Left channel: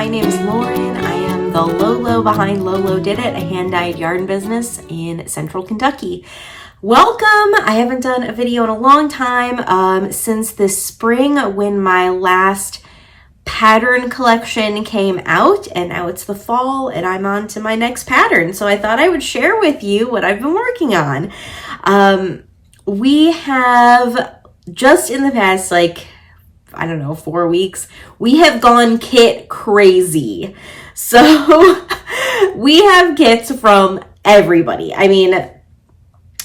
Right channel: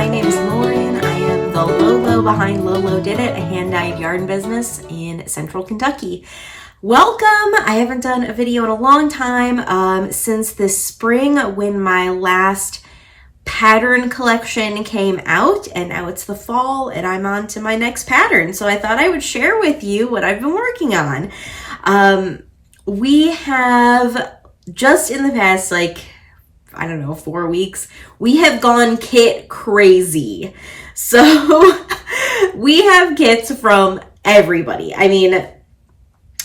my name is Lauren. I am the Lolo behind lolodidit, a hand-dyed yarn business in Central Kentucky. Welcome! I haven't done a video in a long time since this spring when my last pattern collection came out, and now it's the fall and I'm on to my next pattern. So I thought I would share with you what I've been working on. We have just in the past, 4 weeks, we have gone kit crazy. So we have kits from everybody. I mean,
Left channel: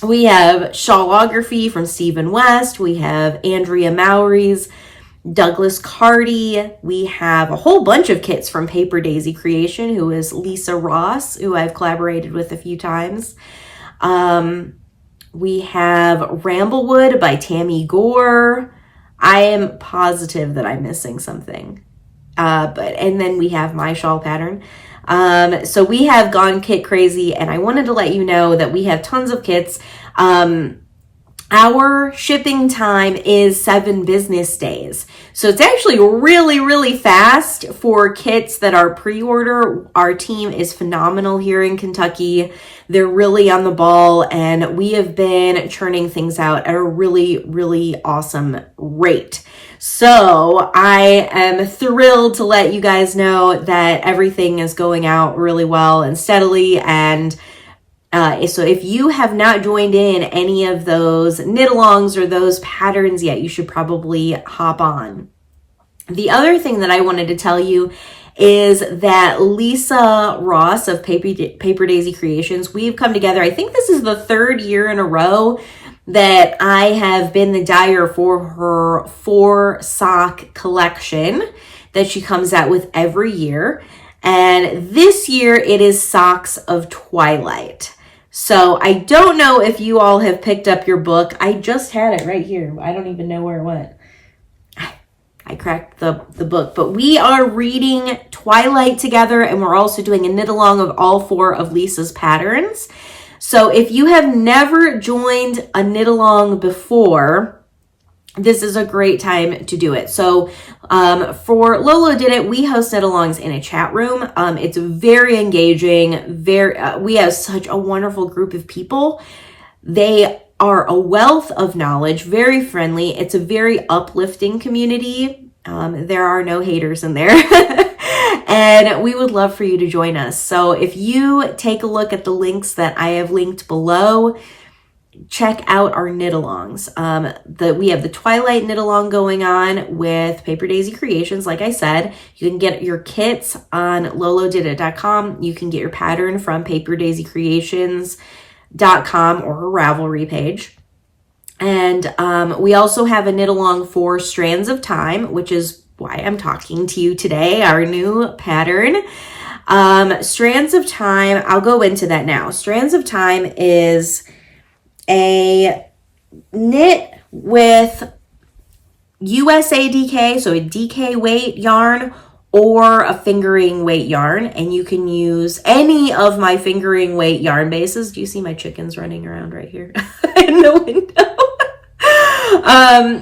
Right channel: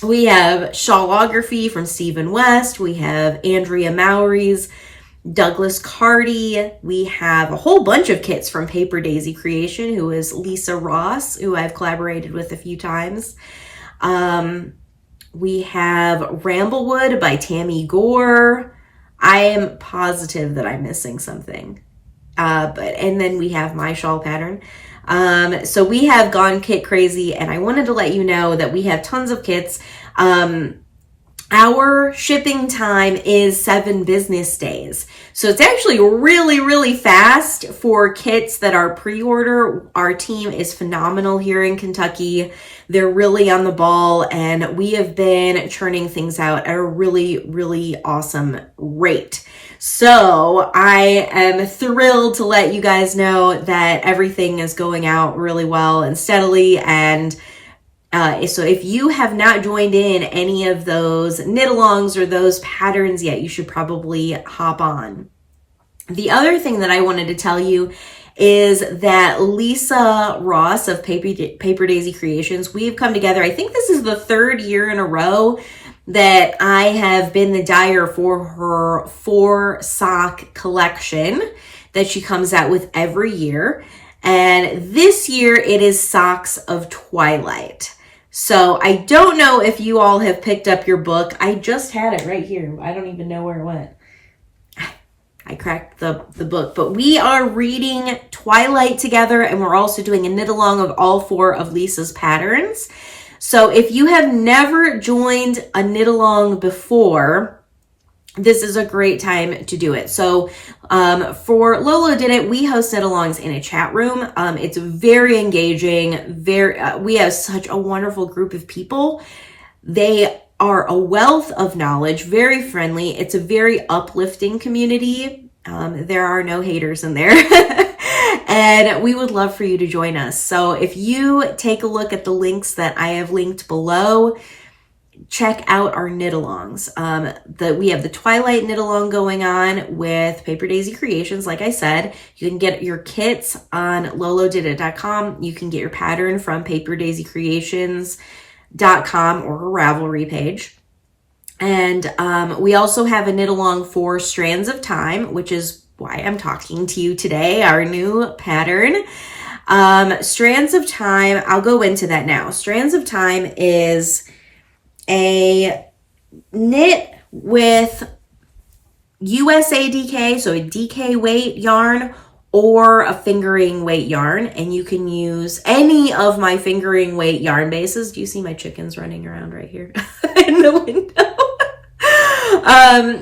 we have shawlography from Stephen West. We have Andrea Mowry's, Douglas Carty. We have a whole bunch of kits from Paper Daisy Creation, who is Lisa Ross, who I've collaborated with a few times. We have Ramblewood by Tammy Gore. I am positive that I'm missing something. And then we have my shawl pattern. So we have gone kit crazy, and I wanted to let you know that we have tons of kits. Our shipping time is 7 business days. So it's actually really, really fast for kits that are pre-order. Our team is phenomenal here in Kentucky. They're really on the ball, and we have been churning things out at a really, really awesome rate. So I am thrilled to let you guys know that everything is going out really well and steadily. And so if you have not joined in any of those knit-alongs or those patterns yet, you should probably hop on. The other thing that I wanted to tell you is that Lisa Ross of Paper Daisy Creations, we've come together. I think this is the 3rd year in a row that I have been the dyer for her 4 sock collection that she comes out with every year. And this year it is Socks of Twilight. So I don't know if you all have picked up your book. I just had it right here. I don't even know where it went. I cracked the book, but we are reading Twilight together, and we're also doing a knit along of all 4 of Lisa's patterns. So if you have never joined a knit along before, this is a great time to do it. So for lolodidit, we host knit alongs in a chat room. It's very engaging. We have such a wonderful group of people. They are a wealth of knowledge, very friendly. It's a very uplifting community. There are no haters in there. And we would love for you to join us. So if you take a look at the links that I have linked below, check out our knit-alongs. We have the Twilight knit-along going on with Paper Daisy Creations. Like I said, you can get your kits on lolodidit.com. You can get your pattern from paperdaisycreations.com or her Ravelry page. And we also have a knit-along for Strands of Time, which is why I'm talking to you today, our new pattern. Strands of Time, I'll go into that now. Strands of Time is a knit with USA DK, so a DK weight yarn or a fingering weight yarn, and you can use any of my fingering weight yarn bases. Do you see my chickens running around right here in the window?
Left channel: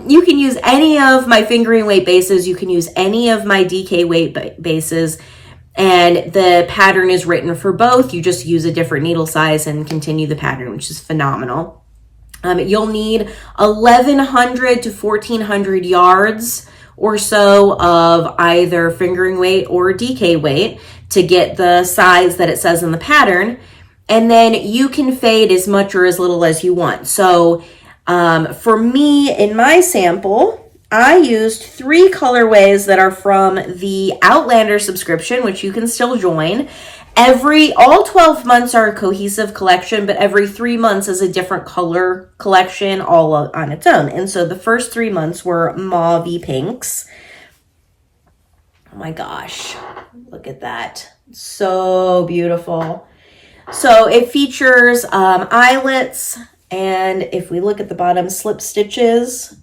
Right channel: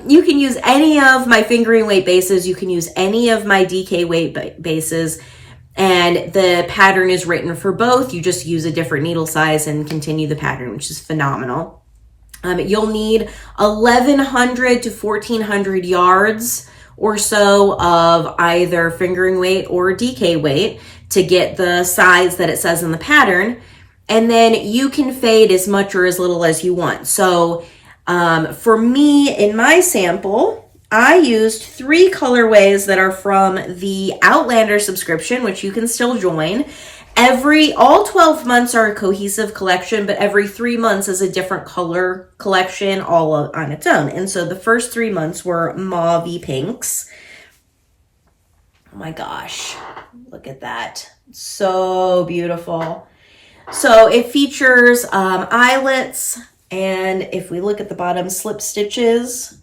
You can use any of my fingering weight bases. You can use any of my DK weight bases, and the pattern is written for both. You just use a different needle size and continue the pattern, which is phenomenal. You'll need 1,100 to 1,400 yards or so of either fingering weight or DK weight to get the size that it says in the pattern. And then you can fade as much or as little as you want. So for me, in my sample, I used 3 colorways that are from the Outlander subscription, which you can still join. All 12 months are a cohesive collection, but every 3 months is a different color collection all on its own. And so the first 3 months were mauve-y pinks. Oh my gosh, look at that. So beautiful. So it features eyelets, and if we look at the bottom, slip stitches.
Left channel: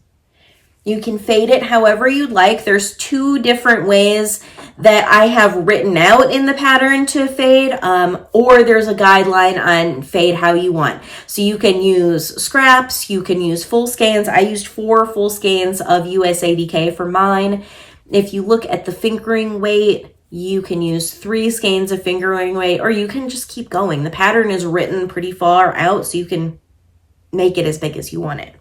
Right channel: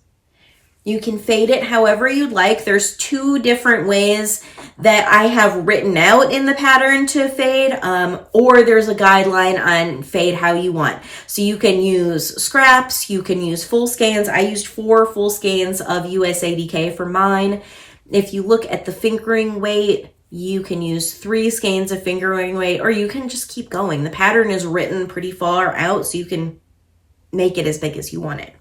You can fade it however you'd like. There's 2 different ways that I have written out in the pattern to fade, or there's a guideline on fade how you want. So you can use scraps, you can use full skeins. I used 4 full skeins of USADK for mine. If you look at the fingering weight You can use 3 skeins of fingering weight, or you can just keep going. The pattern is written pretty far out, so you can make it as big as you want it.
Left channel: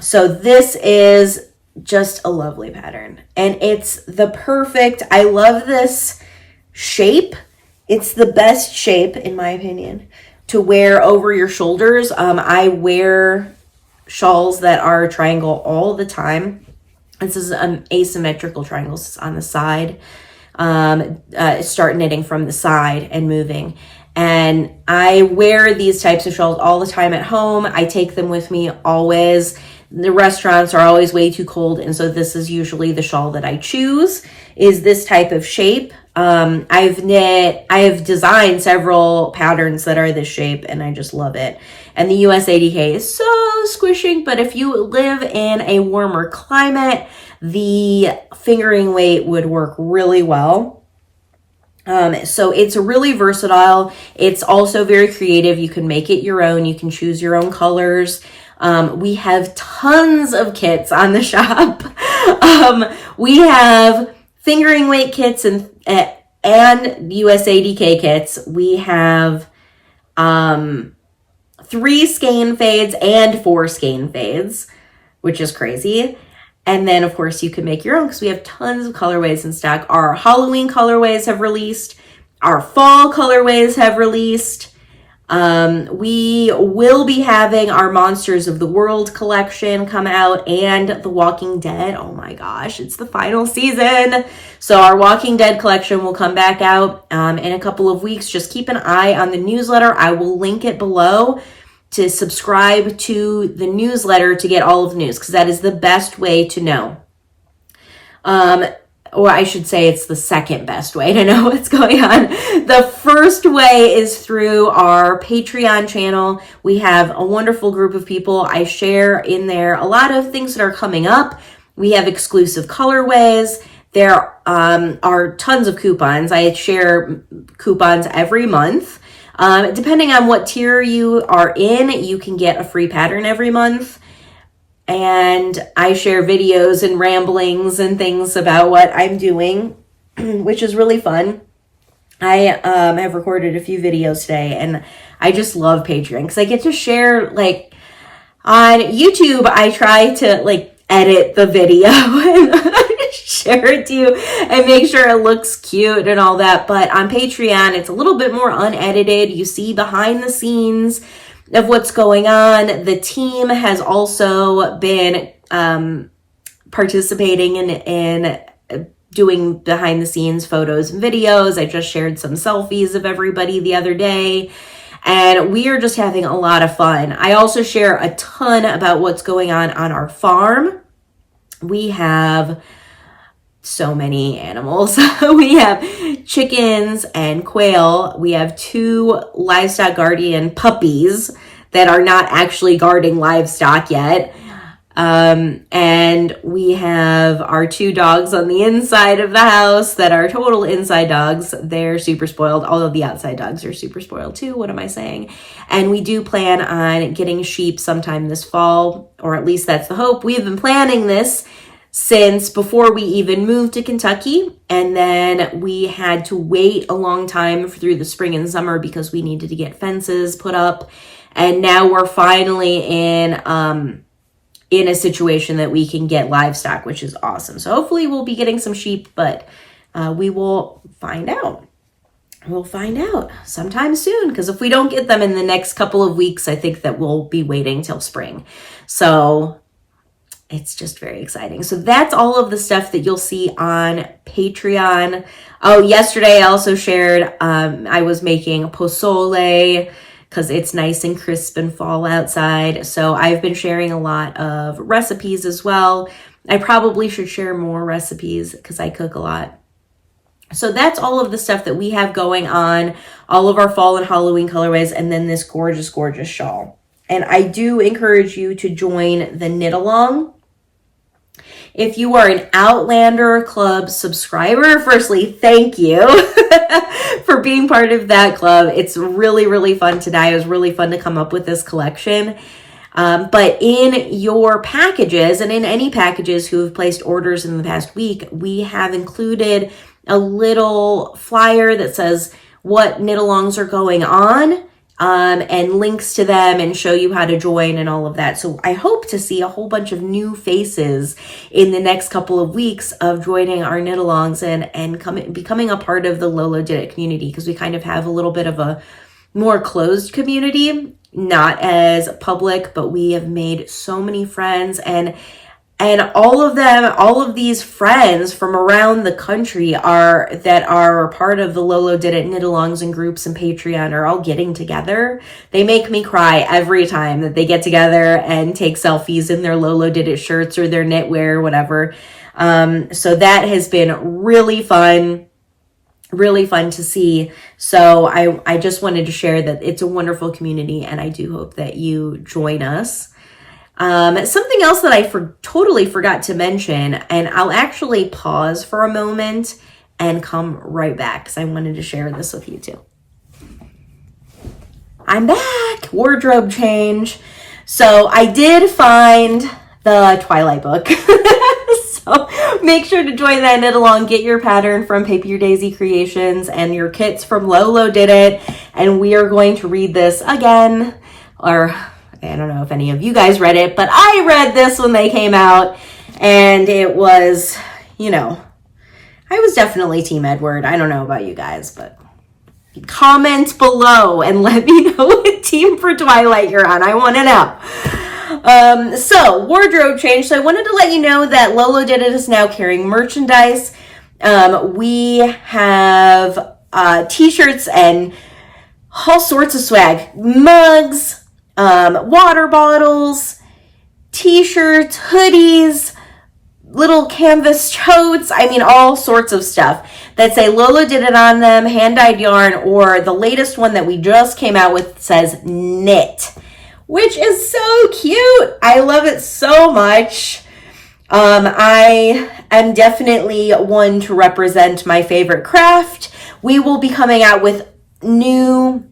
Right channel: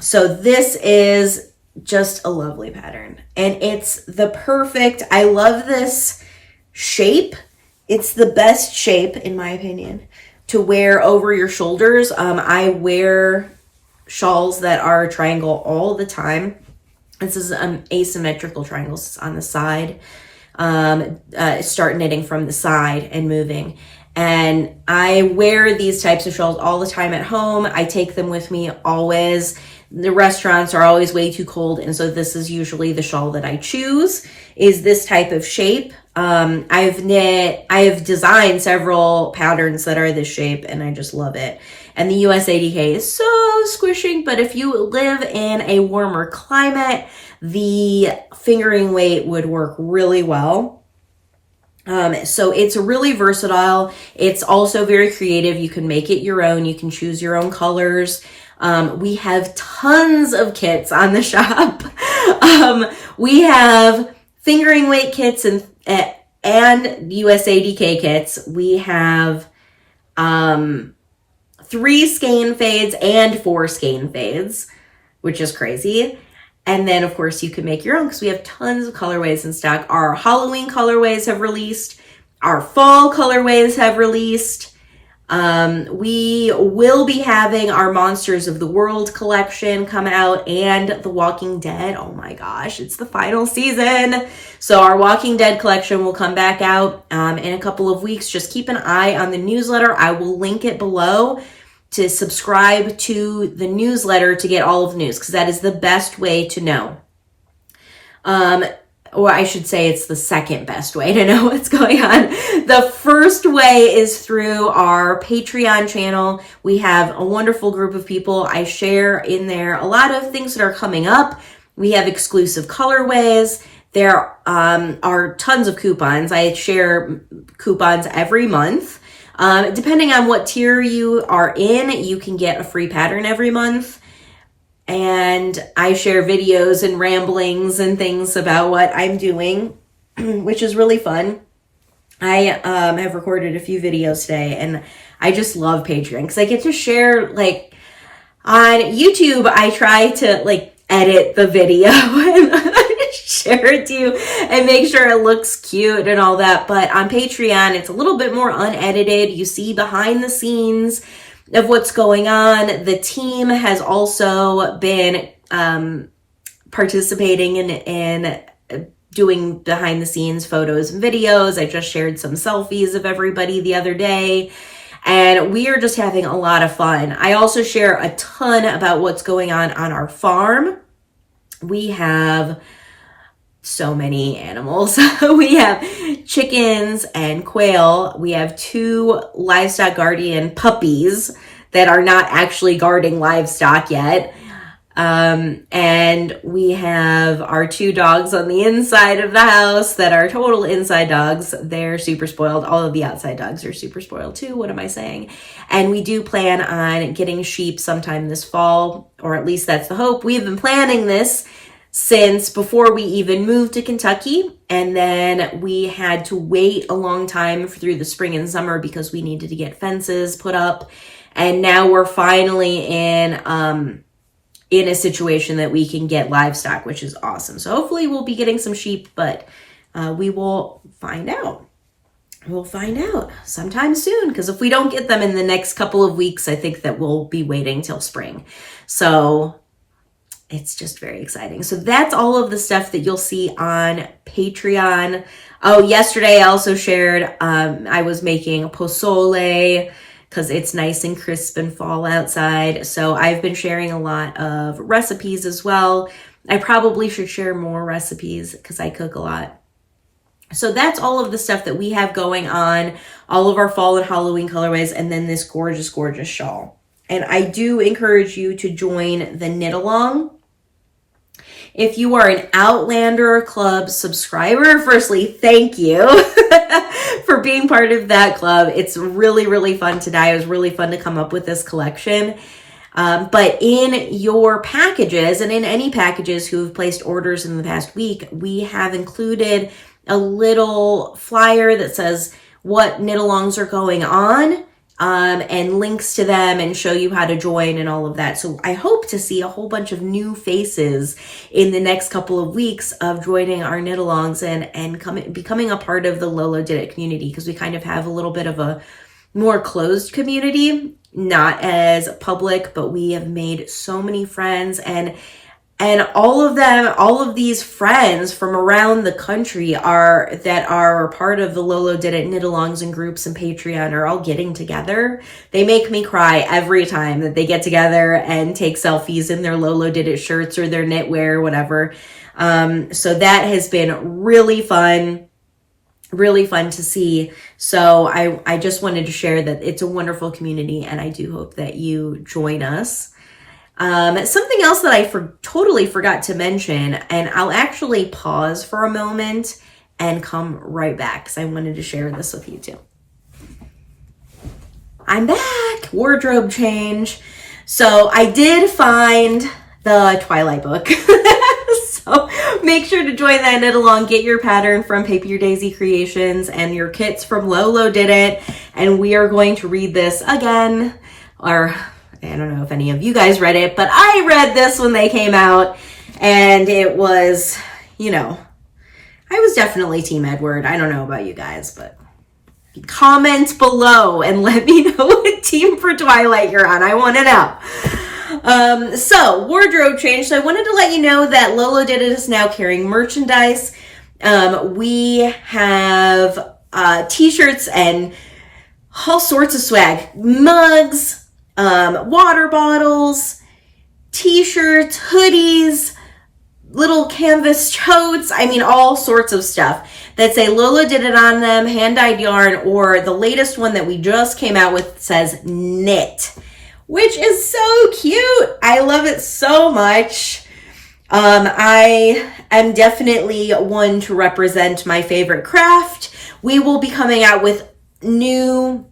So this is just a lovely pattern, and it's the perfect, I love this shape. It's the best shape, in my opinion, to wear over your shoulders. I wear shawls that are triangle all the time. This is asymmetrical triangles on the side. Start knitting from the side and moving. And I wear these types of shawls all the time at home. I take them with me always. The restaurants are always way too cold, and so this is usually the shawl that I choose, is this type of shape. I have designed several patterns that are this shape, and I just love it. And the US ADK is so squishing, but if you live in a warmer climate, the fingering weight would work really well. So it's really versatile. It's also very creative. You can make it your own. You can choose your own colors. We have tons of kits on the shop. We have fingering weight kits and US ADK kits. We have 3 skein fades and 4 skein fades, which is crazy. And then, of course, you can make your own because we have tons of colorways in stock. Our Halloween colorways have released. Our fall colorways have released. We will be having our Monsters of the World collection come out, and The Walking Dead. Oh my gosh, it's the final season. So our Walking Dead collection will come back out in a couple of weeks. Just keep an eye on the newsletter. I will link it below to subscribe to the newsletter to get all of the news, because that is the best way to know. Or I should say it's the second best way to know what's going on. The first way is through our Patreon channel. We have a wonderful group of people. I share in there a lot of things that are coming up. We have exclusive colorways. There are tons of coupons. I share coupons every month. Depending on what tier you are in, you can get a free pattern every month. And I share videos and ramblings and things about what I'm doing, which is really fun. I have recorded a few videos today, and I just love Patreon because I get to share, like, on YouTube, I try to, like, edit the video and share it to you and make sure it looks cute and all that. But on Patreon, it's a little bit more unedited. You see behind the scenes of what's going on. The team has also been participating in doing behind the scenes photos and videos. I just shared some selfies of everybody the other day, and we are just having a lot of fun. I also share a ton about what's going on our farm. We have so many animals. We have chickens and quail. We have 2 livestock guardian puppies that are not actually guarding livestock yet. And we have our 2 dogs on the inside of the house that are total inside dogs. They're super spoiled. All of the outside dogs are super spoiled too. What am I saying? And we do plan on getting sheep sometime this fall, or at least that's the hope. We have been planning this since before we even moved to Kentucky, and then we had to wait a long time through the spring and summer because we needed to get fences put up, and now we're finally in a situation that we can get livestock, which is awesome. So hopefully we'll be getting some sheep, but we will find out. We'll find out sometime soon, because if we don't get them in the next couple of weeks, I think that we'll be waiting till spring. So it's just very exciting. So that's all of the stuff that you'll see on Patreon. Oh, yesterday I also shared, I was making pozole because it's nice and crisp and fall outside. So I've been sharing a lot of recipes as well. I probably should share more recipes because I cook a lot. So that's all of the stuff that we have going on, all of our fall and Halloween colorways, and then this gorgeous, gorgeous shawl. And I do encourage you to join the knit along. If you are an Outlander Club subscriber, firstly, thank you for being part of that club. It's really, really fun today. It was really fun to come up with this collection. But in your packages, and in any packages who have placed orders in the past week, we have included a little flyer that says what knit-alongs are going on, and links to them and show you how to join and all of that. So I hope to see a whole bunch of new faces in the next couple of weeks of joining our knit-alongs and becoming a part of the lolodidit community, because we kind of have a little bit of a more closed community, not as public, but we have made so many friends, and all of these friends from around the country that are part of the lolodidit knit-alongs and groups and Patreon are all getting together. They make me cry every time that they get together and take selfies in their lolodidit shirts or their knitwear or whatever. So that has been really fun to see. So I just wanted to share that it's a wonderful community, and I do hope that you join us. Something else that I totally forgot to mention, and I'll actually pause for a moment and come right back because I wanted to share this with you too. I'm back. Wardrobe change. So I did find the Twilight book. So make sure to join that knit along. Get your pattern from Paper Your Daisy Creations and your kits from lolodidit. And we are going to read this again, or I don't know if any of you guys read it, but I read this when they came out, and it was, I was definitely Team Edward. I don't know about you guys, but comment below and let me know what team for Twilight you're on. I want to know. So wardrobe change. So I wanted to let you know that lolodidit is now carrying merchandise. We have t-shirts and all sorts of swag, mugs, water bottles, t-shirts, hoodies, little canvas totes. I mean, all sorts of stuff that say lolodidit on them, hand-dyed yarn, or the latest one that we just came out with says knit, which is so cute. I love it so much. I am definitely one to represent my favorite craft. We will be coming out with new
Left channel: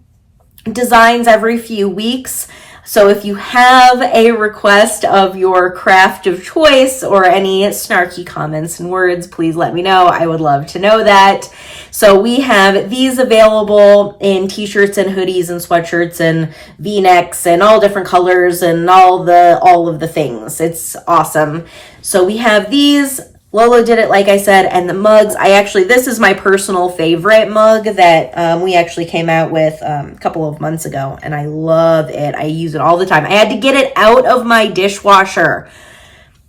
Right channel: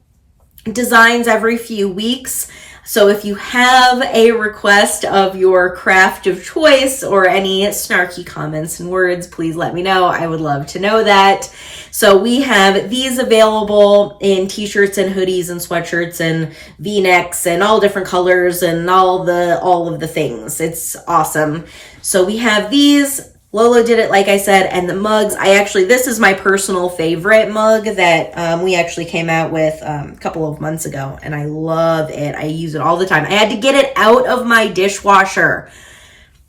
designs every few weeks. So if you have a request of your craft of choice or any snarky comments and words, please let me know. I would love to know that. So we have these available in t-shirts and hoodies and sweatshirts and v-necks and all different colors and all of the things. It's awesome. So we have these lolodidit, like I said, and the mugs. This is my personal favorite mug that we actually came out with a couple of months ago, and I love it. I use it all the time. I had to get it out of my dishwasher.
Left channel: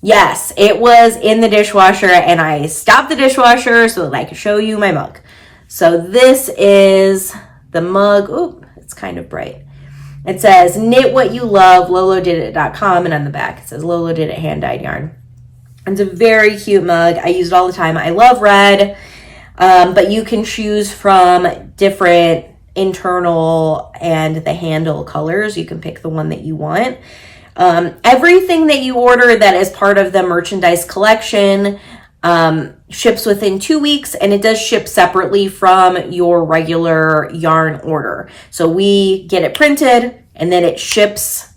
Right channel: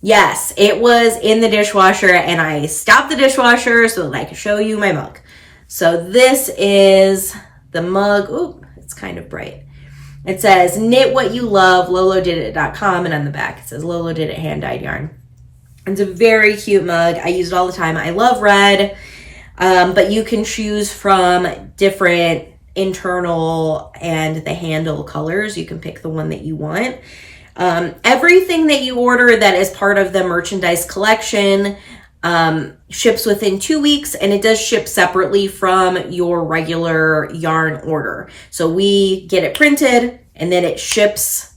Yes, it was in the dishwasher, and I stopped the dishwasher so that I could show you my mug. So this is the mug. Ooh, it's kind of bright. It says, knit what you love, lolodidit.com, and on the back it says lolodidit hand-dyed yarn. It's a very cute mug. I use it all the time. I love red, but you can choose from different internal and the handle colors. You can pick the one that you want. Everything that you order that is part of the merchandise collection ships within 2 weeks, and it does ship separately from your regular yarn order. So we get it printed and then it ships,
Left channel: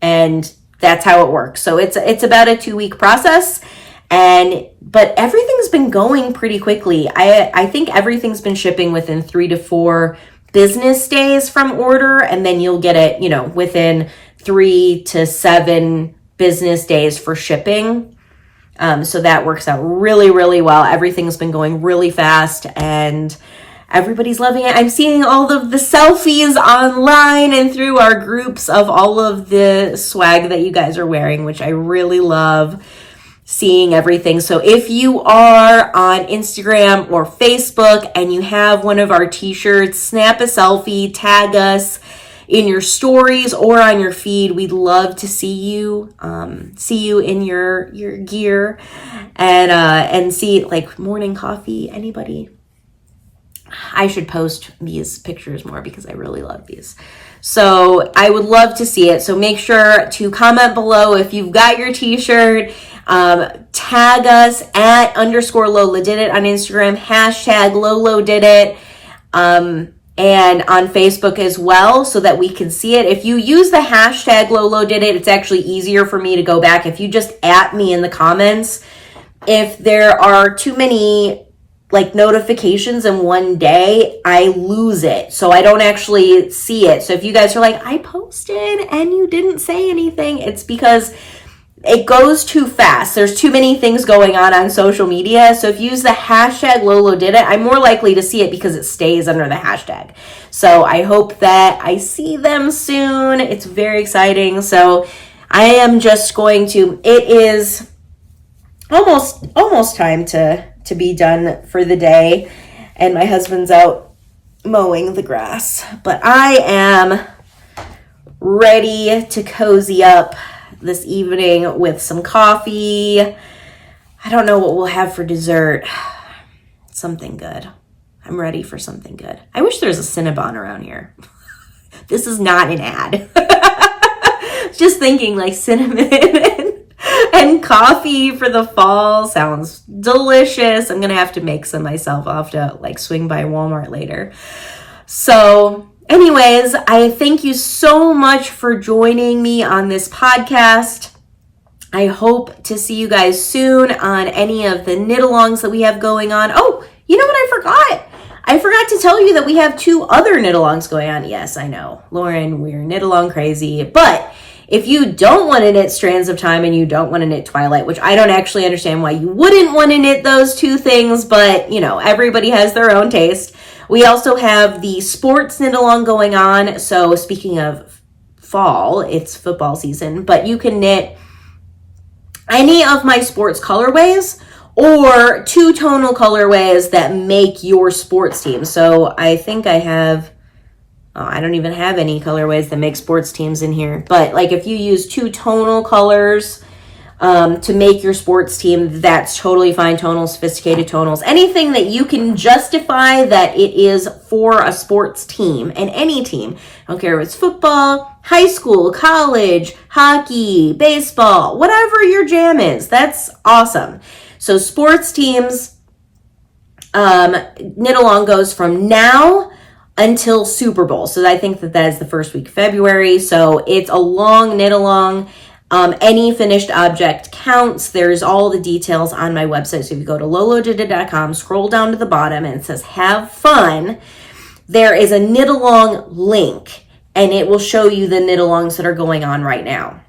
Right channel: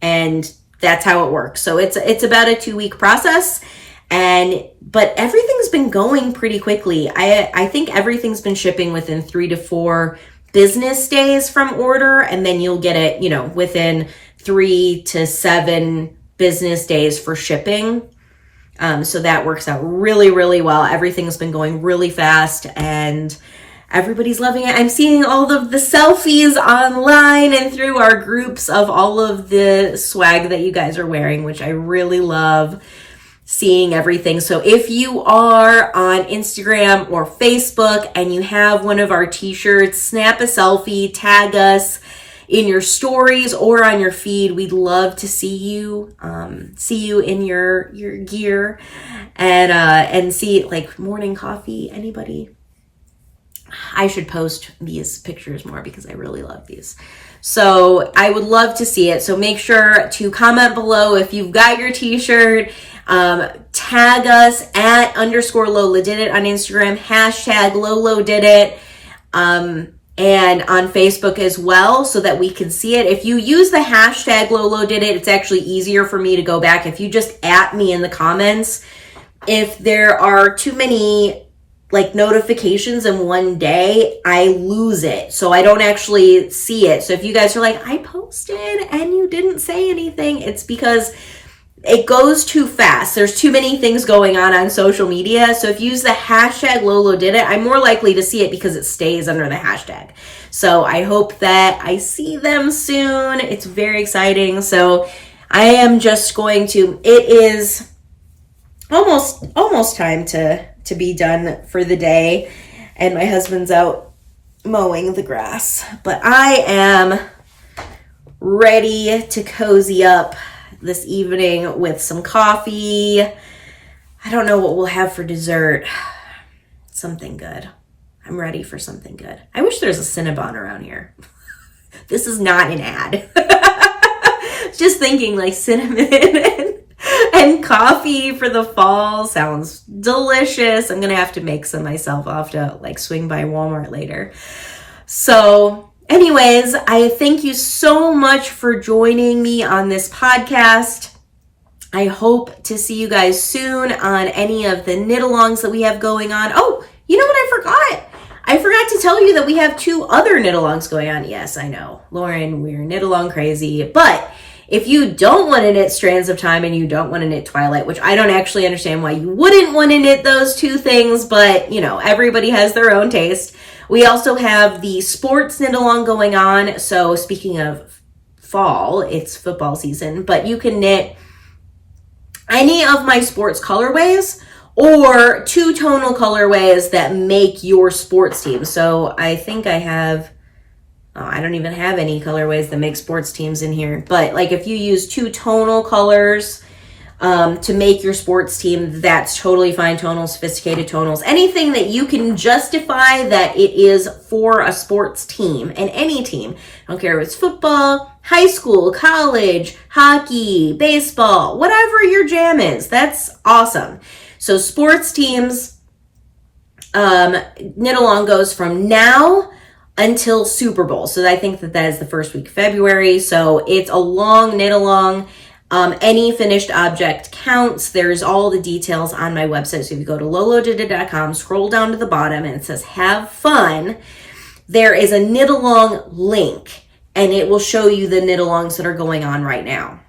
and that's how it works. So it's about a 2-week process, but everything's been going pretty quickly. I think everything's been shipping within 3 to 4 business days from order, and then you'll get it, within 3 to 7 business days for shipping. So that works out really, really well. Everything's been going really fast, and everybody's loving it. I'm seeing all of the selfies online and through our groups of all of the swag that you guys are wearing, which I really love seeing everything. So if you are on Instagram or Facebook and you have one of our t-shirts, snap a selfie, tag us in your stories or on your feed. We'd love to see you in your gear and see like morning coffee. Anybody? I should post these pictures more because I really love these. So I would love to see it. So make sure to comment below if you've got your t-shirt. Tag us at _lolodidit on Instagram, #lolodidit. and on Facebook as well, so that we can see it. If you use the hashtag lolodidit, it's actually easier for me to go back. If you just at me in the comments, if there are too many like notifications in one day, I lose it. So I don't actually see it. So if you guys are like, I posted and you didn't say anything, it's because it goes too fast. There's too many things going on social media. So if you use the hashtag lolodidit, I'm more likely to see it because it stays under the hashtag. So I hope that I see them soon. It's very exciting. So I am just going to, it is almost time to be done for the day. And my husband's out mowing the grass. But I am ready to cozy up this evening with some coffee. I don't know what we'll have for dessert. Something good. I'm ready for something good. I wish there was a Cinnabon around here. This is not an ad. Just thinking like cinnamon and coffee for the fall sounds delicious. I'm gonna have to make some myself. I'll have to like swing by Walmart later. So anyways, I thank you so much for joining me on this podcast. I hope to see you guys soon on any of the knit-alongs that we have going on. Oh, you know what I forgot? I forgot to tell you that we have 2 other knit-alongs going on. Yes, I know, Lauren, we're knit-along crazy. But if you don't want to knit Strands of Time and you don't want to knit Twilight, which I don't actually understand why you wouldn't want to knit those 2 things, but you know, everybody has their own taste. We also have the sports knit-along going on. So speaking of fall, it's football season, but you can knit any of my sports colorways or 2 tonal colorways that make your sports team. So I think I have, I don't even have any colorways that make sports teams in here. But like if you use 2 tonal colors to make your sports team, that's totally fine. Tonals, sophisticated tonals, anything that you can justify that it is for a sports team, and any team. I don't care if it's football, high school, college, hockey, baseball, whatever your jam is. That's awesome. So sports teams, knit along goes from now until Super Bowl. So I think that is the first week of February. So it's a long knit along. Any finished object counts. There's all the details on my website. So if you go to lolodidit.com, scroll down to the bottom and it says have fun, there is a knit along link and it will show you the knit alongs that are going on right now.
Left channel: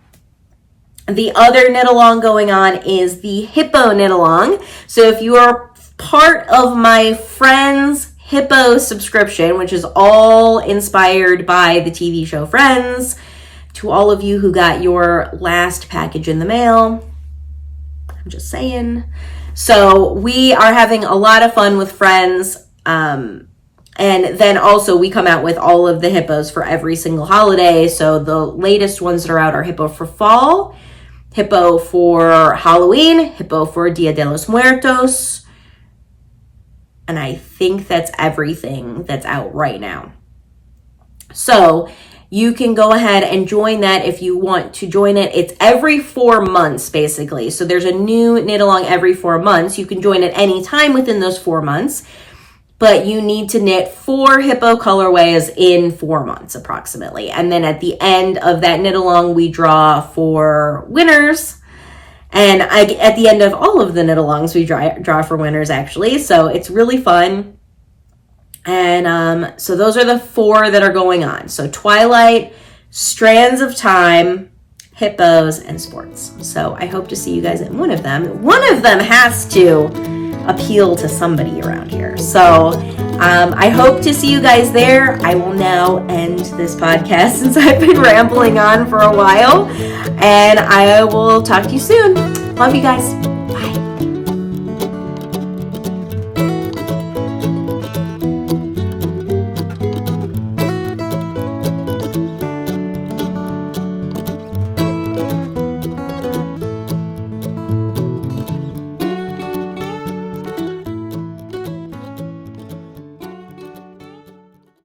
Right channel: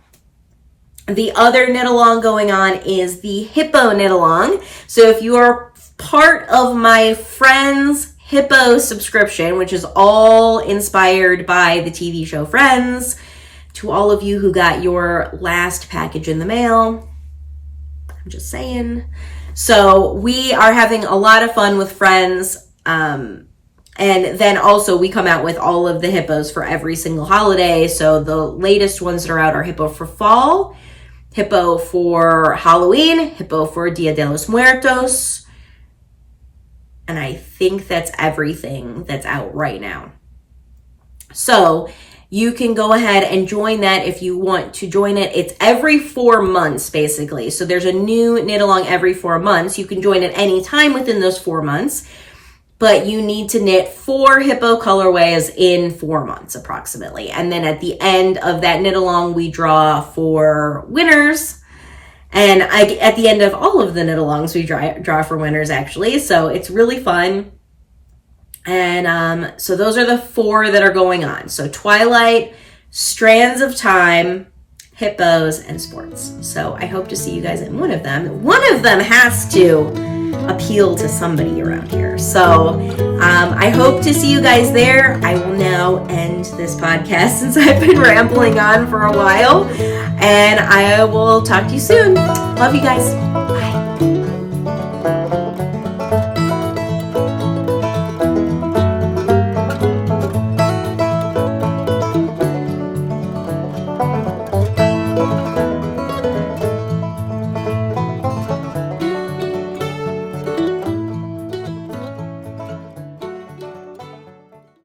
The other knit along going on is the Hippo knit along. So if you are part of my friend's Hippo subscription, which is all inspired by the TV show Friends, to all of you who got your last package in the mail, I'm just saying. So we are having a lot of fun with Friends. And then also we come out with all of the hippos for every single holiday. So the latest ones that are out are Hippo for fall, Hippo for Halloween, Hippo for Dia de los Muertos. And I think that's everything that's out right now. So you can go ahead and join that if you want to join it. It's every 4 months, basically. So there's a new knit along every 4 months. You can join at any time within those 4 months, but you need to knit 4 hippo colorways in 4 months approximately. And then at the end of that knit along, we draw for winners. And at the end of all of the knit alongs, we draw for winners actually. So it's really fun. And so those are the 4 that are going on. So Twilight, Strands of Time, Hippos, and Sports. So I hope to see you guys in one of them. One of them has to appeal to somebody around here. So I hope to see you guys there. I will now end this podcast since I've been rambling on for a while. And I will talk to you soon. Love you guys.